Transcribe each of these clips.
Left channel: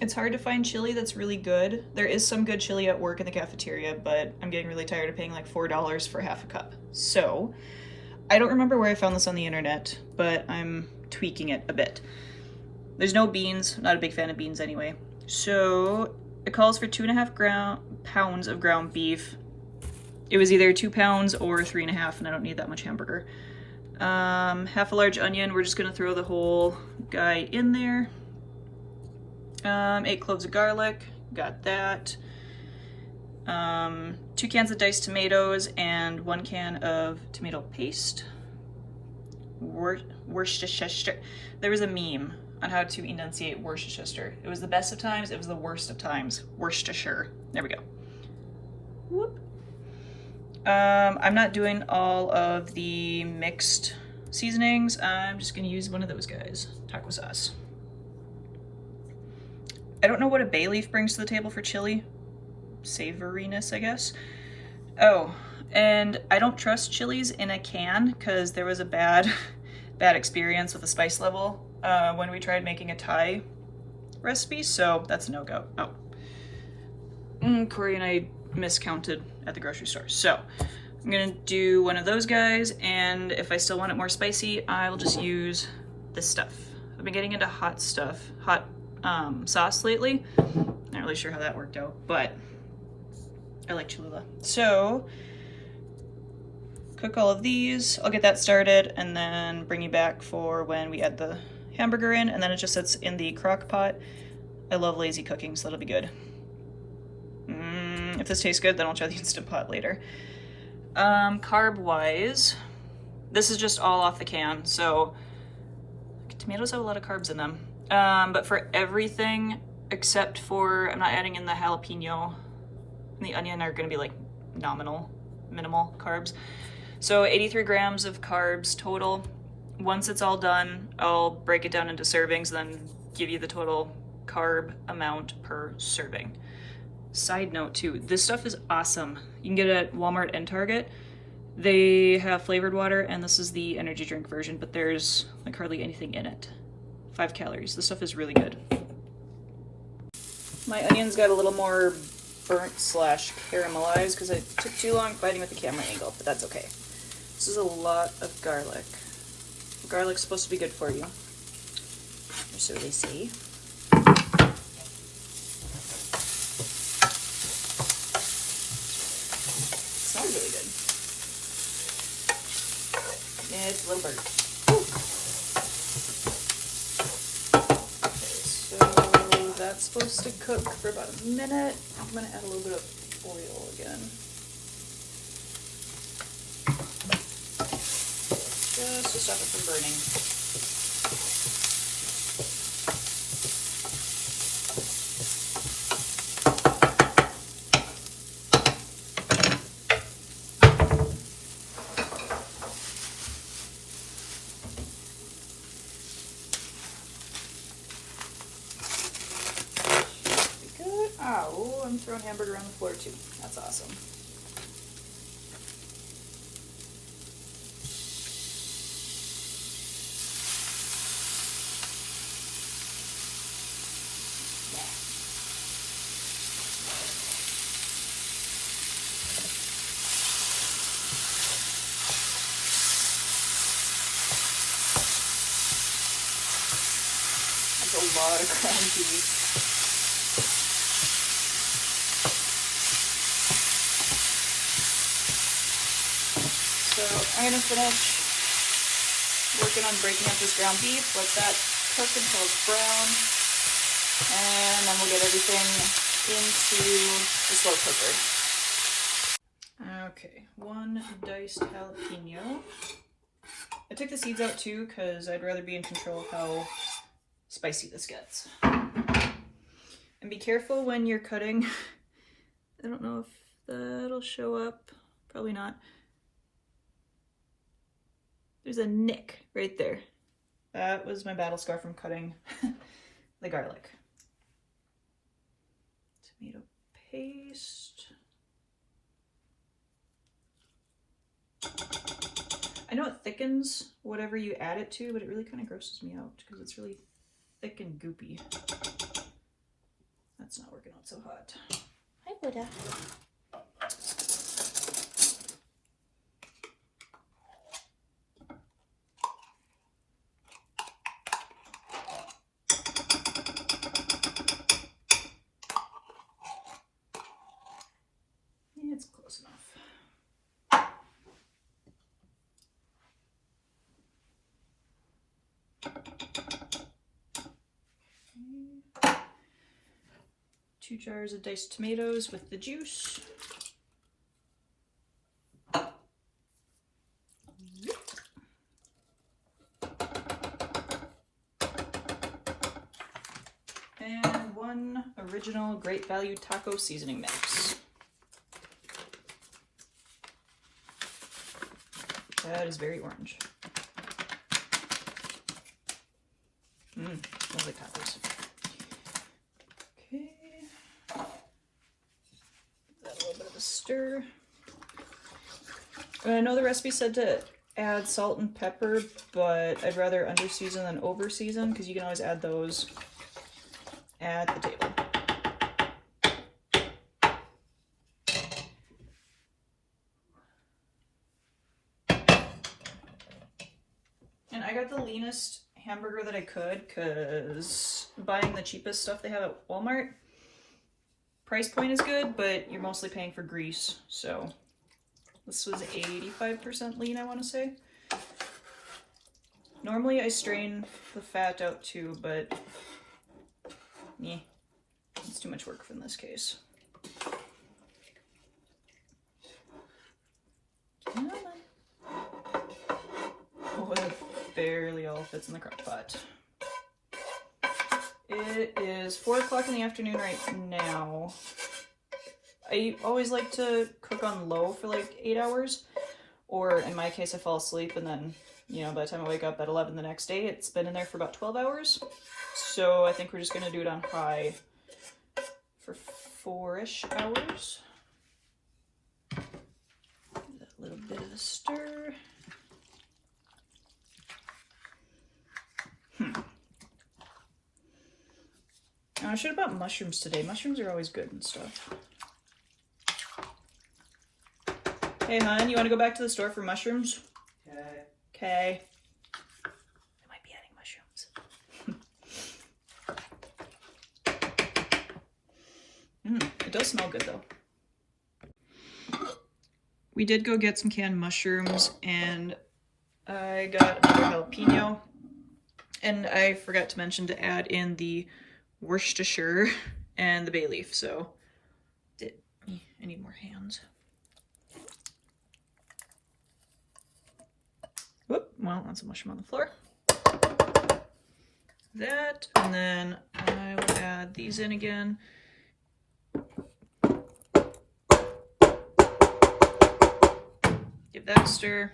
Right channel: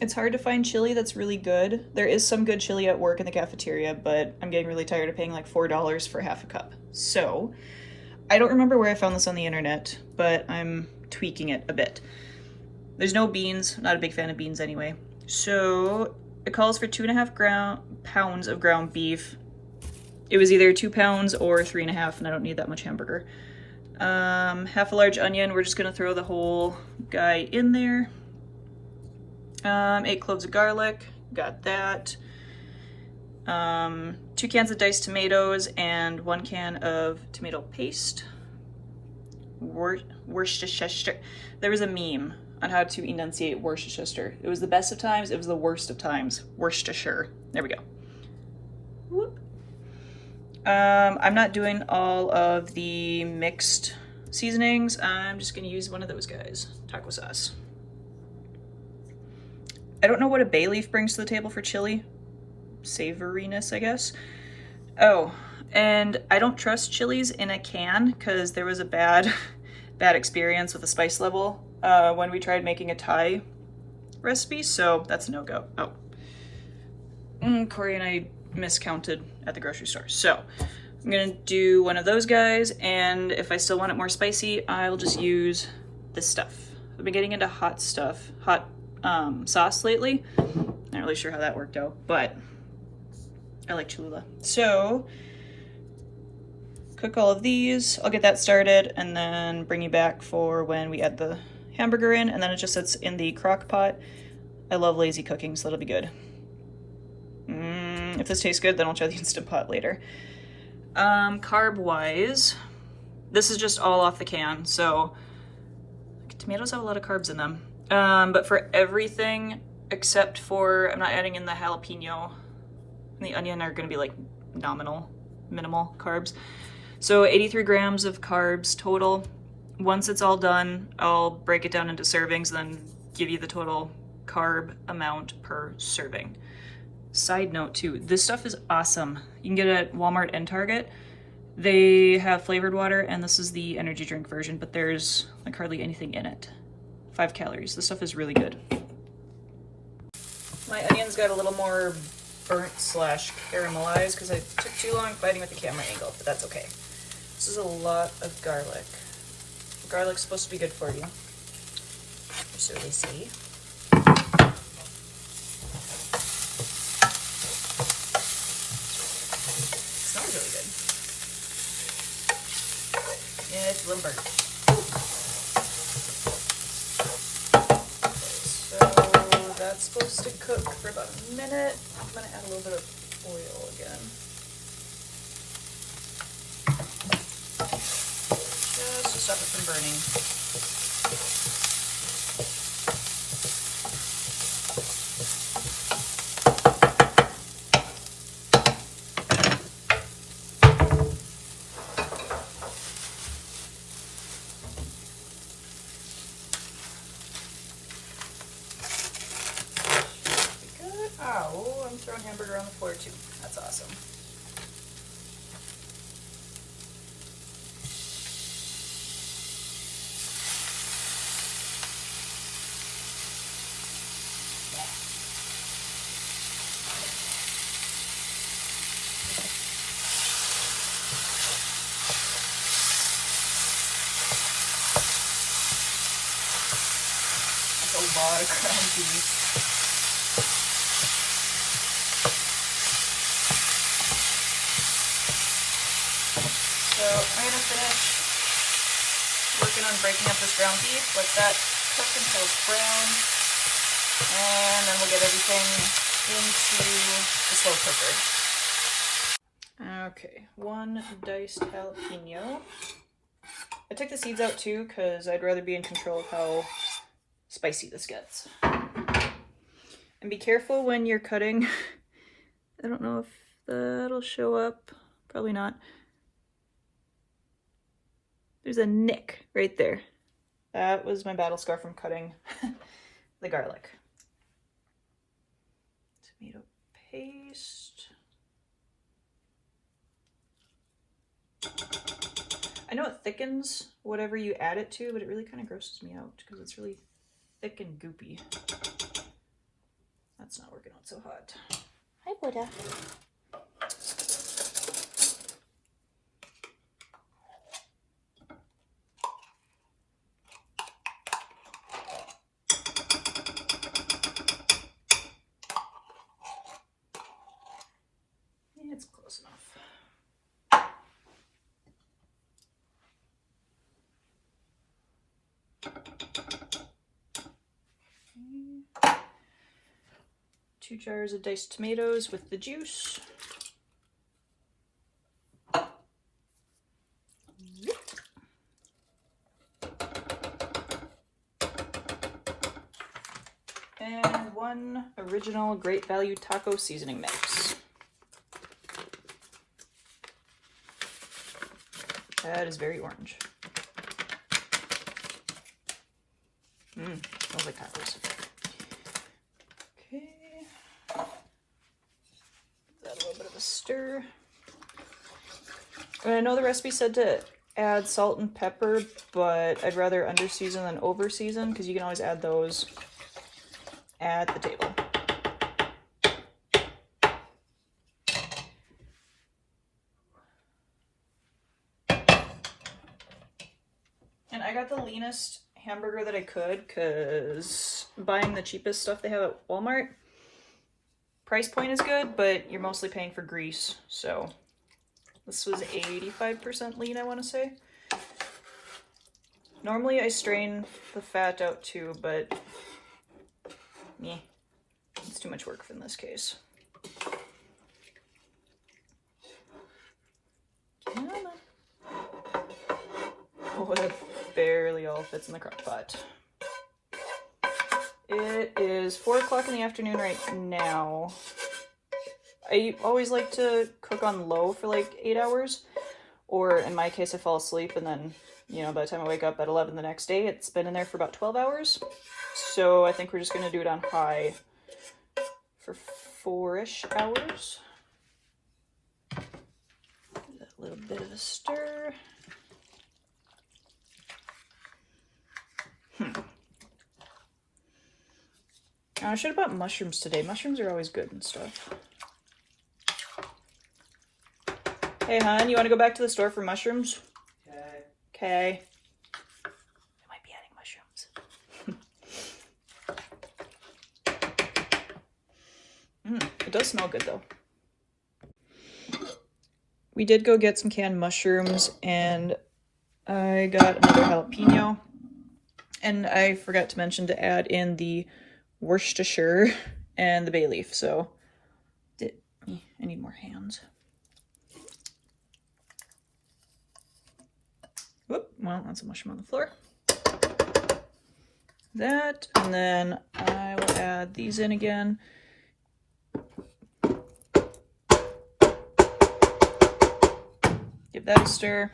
It's hard to find chili that's really good. There is some good chili at work in the cafeteria, but I'm getting really tired of paying like $4 for half a cup. So I don't remember where I found this on the internet, but I'm tweaking it a bit. There's no beans. I'm not a big fan of beans anyway. So it calls for 2.5 pounds of ground beef. It was either 2 pounds or 3.5, and I don't need that much hamburger. Half a large onion. We're just gonna throw the whole guy in there. 8 cloves of garlic. Got that. 2 cans of diced tomatoes and 1 can of tomato paste. Worcestershire. There was a meme on how to enunciate Worcestershire. It was the best of times, it was the worst of times. Worcestershire. There we go. Whoop. I'm not doing all of the mixed seasonings. I'm just gonna use one of those guys, taco sauce. I don't know what a bay leaf brings to the table for chili. Savoriness, I guess. Oh, and I don't trust chilies in a can because there was a bad experience with the spice level when we tried making a Thai recipe, so that's a no-go. Oh, Corey and I miscounted at the grocery store. So I'm gonna do one of those guys, and if I still want it more spicy, I'll just use this stuff. I've been getting into hot stuff, hot sauce lately. Not really sure how that worked out, but I like Cholula. So cook all of these. I'll get that started and then bring you back for when we add the hamburger in, and then it just sits in the crock pot. I love lazy cooking, so that'll be good. If this tastes good, then I'll try the Instant Pot later. Carb-wise, this is just all off the can, so tomatoes have a lot of carbs in them. But for everything except for, I'm not adding in the jalapeno and the onion are gonna be like minimal carbs. So 83 grams of carbs total. Once it's all done, I'll break it down into servings, then give you the total carb amount per serving. Side note too, this stuff is awesome. You can get it at Walmart and Target. They have flavored water, and this is the energy drink version, but there's like hardly anything in it. 5 calories. This stuff is really good. My onions got a little more burnt / caramelized because I took too long fighting with the camera angle, but that's okay. This is a lot of garlic. Garlic's supposed to be good for you, or so they say. Smells really good. Yeah, it's a little burnt. Supposed to cook for about a minute. I'm gonna add a little bit of oil again. Just to stop it from burning. Oh, I'm throwing hamburger on the floor too. That's awesome. That's a lot of ground cheese. I'm gonna finish working on breaking up this ground beef, let that cook until it's brown, and then we'll get everything into the slow cooker. Okay, 1 diced jalapeno. I took the seeds out too because I'd rather be in control of how spicy this gets. And be careful when you're cutting. I don't know if that'll show up, probably not. There's a nick right there. That was my battle scar from cutting the garlic. Tomato paste. I know it thickens whatever you add it to, but it really kind of grosses me out because it's really thick and goopy. Buddha. It's close enough. 2 jars of diced tomatoes with the juice. And 1 original Great Value taco seasoning mix. That is very orange. Smells like tacos. Okay. Give that a little bit of a stir. And I know the recipe said to add salt and pepper, but I'd rather under season than over season because you can always add those at the table. And I got the leanest hamburger that I could because buying the cheapest stuff they have at Walmart, price point is good, but you're mostly paying for grease. So this was 85% lean, I want to say. Normally I strain the fat out too, but yeah, it's too much work in this case. Oh, it barely all fits in the crock pot. It is 4 o'clock in the afternoon right now. I always like to cook on low for like 8 hours, or in my case I fall asleep and then, you know, by the time I wake up at 11 the next day, it's been in there for about 12 hours. So I think we're just going to do it on high for 4-ish hours. Give that a little bit of a stir. I should have bought mushrooms today. Mushrooms are always good and stuff. Hey, hon, you want to go back to the store for mushrooms? Okay. Okay. I might be adding mushrooms. It does smell good, though. We did go get some canned mushrooms, and I got another jalapeno. And I forgot to mention to add in the Worcestershire and the bay leaf, so I need more hands. Whoop, well, that's a mushroom on the floor. That, and then I will add these in again. Give that a stir,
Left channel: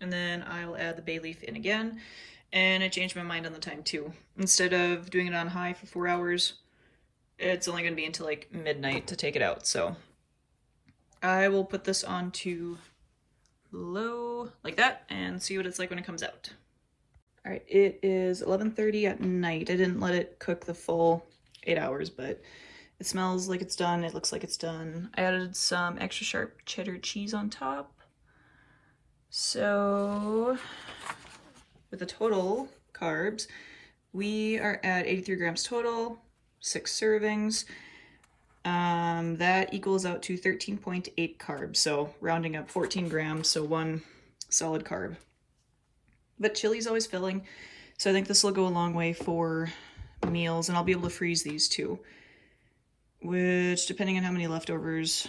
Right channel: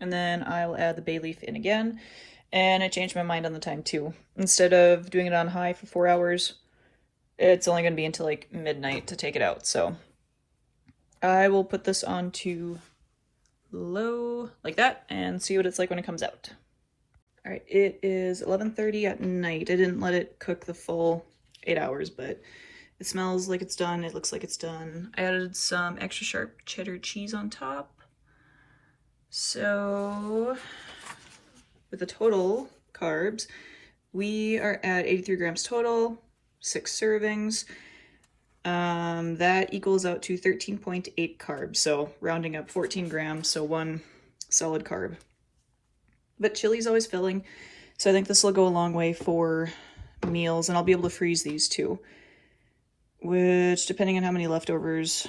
and then I will add the bay leaf in again. And I changed my mind on the time too. Instead of doing it on high for 4 hours, it's only going to be until like midnight to take it out. So I will put this on to low like that and see what it's like when it comes out. All right, it is 11:30 at night. I didn't let it cook the full 8 hours, but it smells like it's done. It looks like it's done. I added some extra sharp cheddar cheese on top. So with the total carbs, we are at 83 grams total, 6 servings. That equals out to 13.8 carbs, so rounding up 14 grams, so 1 solid carb. But chili's always filling, so I think this will go a long way for meals, and I'll be able to freeze these too, which, depending on how many leftovers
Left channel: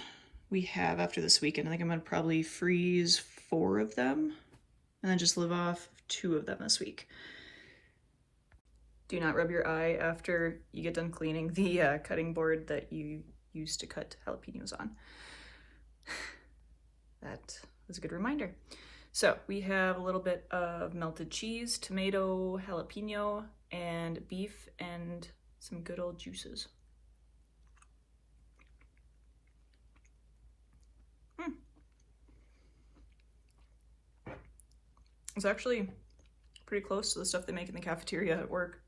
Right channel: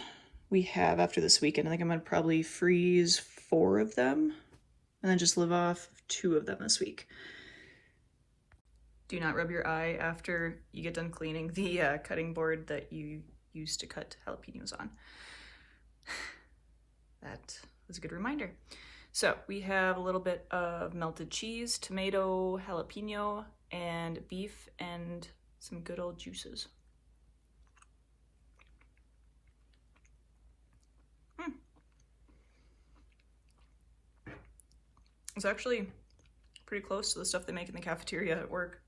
we have after this weekend, I think I'm going to probably freeze 4 of them, and then just live off 2 of them this week. Do not rub your eye after you get done cleaning the cutting board that you used to cut jalapenos on. That was a good reminder. So we have a little bit of melted cheese, tomato, jalapeno, and beef, and some good old juices. It's actually pretty close to the stuff they make in the cafeteria at work.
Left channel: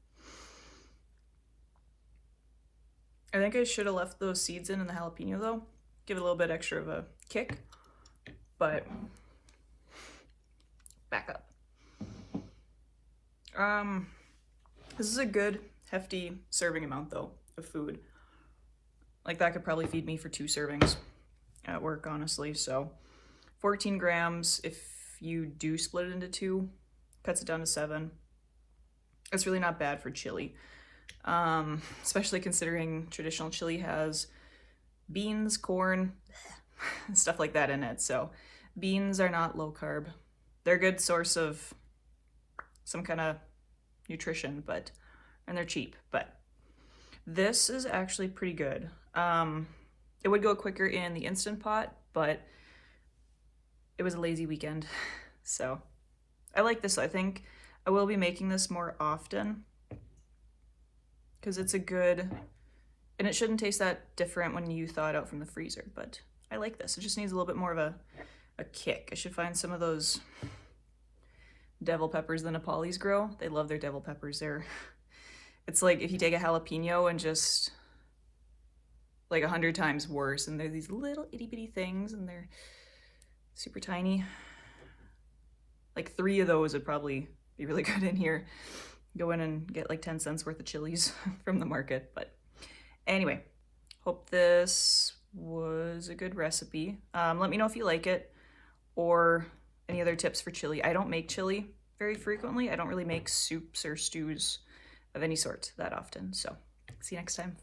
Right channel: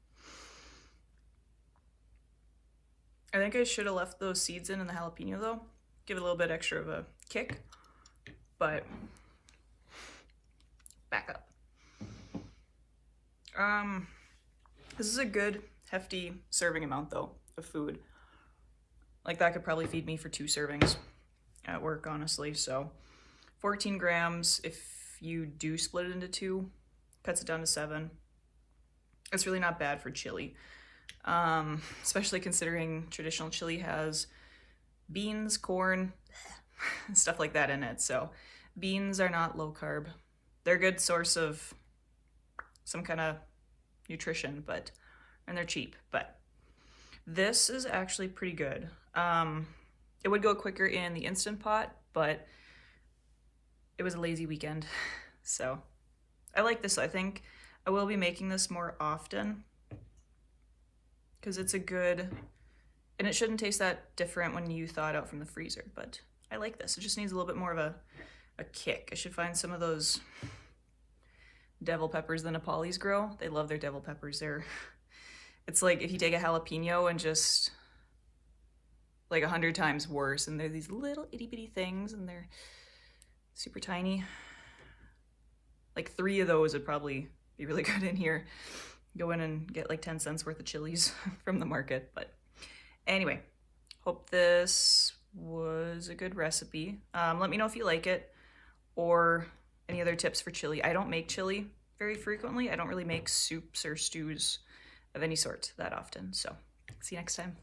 I think I should have left those seeds in the jalapeno though. Give it a little bit extra of a kick, but back up. This is a good hefty serving amount though of food. Like that could probably feed me for 2 servings at work, honestly. So 14 grams, if you do split it into 2, cuts it down to 7. It's really not bad for chili, especially considering traditional chili has beans, corn, stuff like that in it. So beans are not low carb. They're a good source of some kind of nutrition, and they're cheap, but this is actually pretty good. It would go quicker in the Instant Pot, but it was a lazy weekend. So I like this. I think I will be making this more often because it's a good, and it shouldn't taste that different when you thaw it out from the freezer, but I like this. It just needs a little bit more of a kick. I should find some of those devil peppers the Nepalis grow. They love their devil peppers. It's like if you take a jalapeno and just like 100 times worse, and they're these little itty bitty things and they're super tiny. Like 3 of those would probably be really good in here. Go in and get like 10 cents worth of chilies from the market. But anyway, hope this was a good recipe. Let me know if you like it or any other tips for chili. I don't make chili very frequently. I don't really make soups or stews of any sort that often. So see you next time.